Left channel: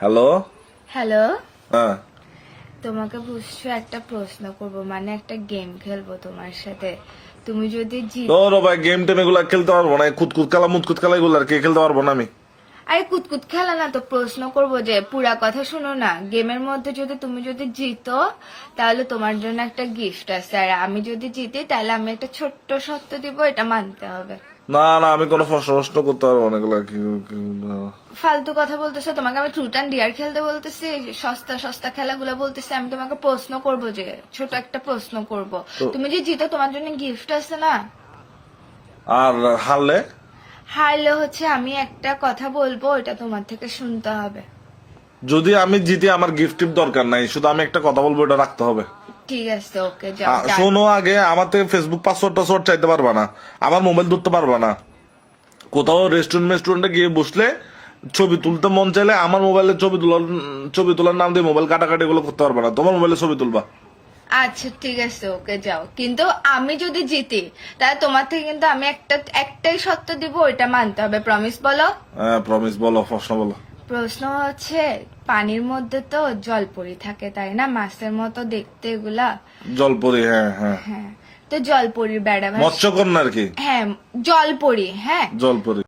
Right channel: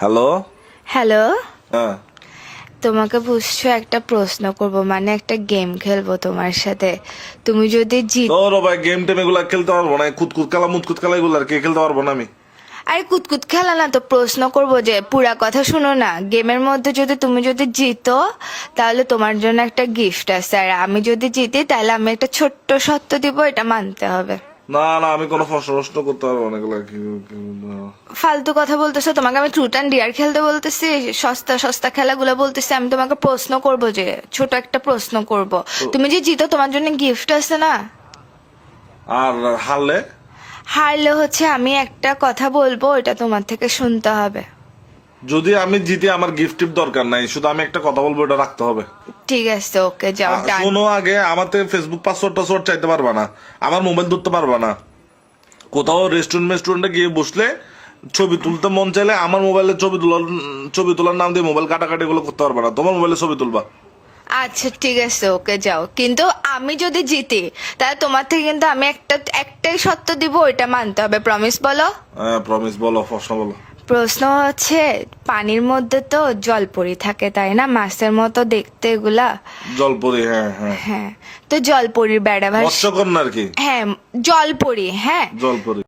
Hello. Hello, হ্যাঁ, তোমাকে বুঝছো একটা প্রশ্ন করব, মানে একটা গেম খেলবো তোমার সাথে। তুমি যদি জিত তোর ভাই গেম টেম এগুলা খেলতে পারবো না। কুতকুত খেলা মুতকুত খেলা এগুলো আর কি খেলতে পারবো না আমি। আরে কুতকুত খেলা না তো, প্রশ্ন করব যে পুরা কথা শুনো না। গেমের মধ্যে তুমি যদি জিতো তাহলে তোমার জন্য একটা গিফট আছে, আর আমি যদি জিতি তাহলে আমি একটা ছোট্ট সত্য দিব, এটা মানতে হবে। না না, আমি কোনো প্রশ্ন করতে পারবো না এগুলা ফালতু কথা বলতেছো, তোমাকে আমি ট্রুথ অ্যান্ড ডিয়ার খেলতে বলতেছি, সস্তা সস্তা খেলাগুলো বলতেছি। আমি তোমাকে প্রশ্ন করব, যে ছোট একটা প্রশ্ন করব। তো- তুমি যে জিতো তোমার জন্য গিফট আছে না। আর হারলে? হারলে হচ্ছে আমি একটা কথা বলবো, এটা তোমার থেকে শুনতে হবে। যদি আমি জিতি আমার গিফট টিপ দরকার নাই, শুধু আমি একটা কথা বলবো, এটা রাখতে হবে। ঠিক আছে, ওকে, যাও ডান। শোনো, আগে আমার থেকে ফেসবুক পাসওয়ার্ড টাসওয়ার্ড চাইতে পারবা না, আমার মোবাইল ধরতে পারবা না। কোথাও রেস্টুরেন্টে গিয়ে বসলে ছবি তুলতে মন চাইলে আমার মোবাইলে ছবি তোলার নাম দিয়ে মোবাইল কাটাকাটি গুলো করতে পারবা না, তোমার মোবাইলে ছবি তুলবা। আচ্ছা ঠিক আছে, ওকে যাও। কিন্তু আমি যদি জিতি তাহলে তোমার থেকে কিন্তু আমি একটাই সত্য দিব, ওইটা মানতে হবে। প্রমিস বলো। হ্যাঁ প্রমিস, বলো প্রশ্ন বলো। প্রশ্ন হচ্ছে, পানির মধ্যে তো জলপরি থাকে তাই না, মাছের মতো দেখতে এগুলা। জলপরি, হ্যাঁ হ্যাঁ। হ্যাঁ, তো জলপরির বেড়া ভাস। মৎস্যকন্যা আর কি। হ্যাঁ, জলপরি, হ্যাঁ। জলপরি।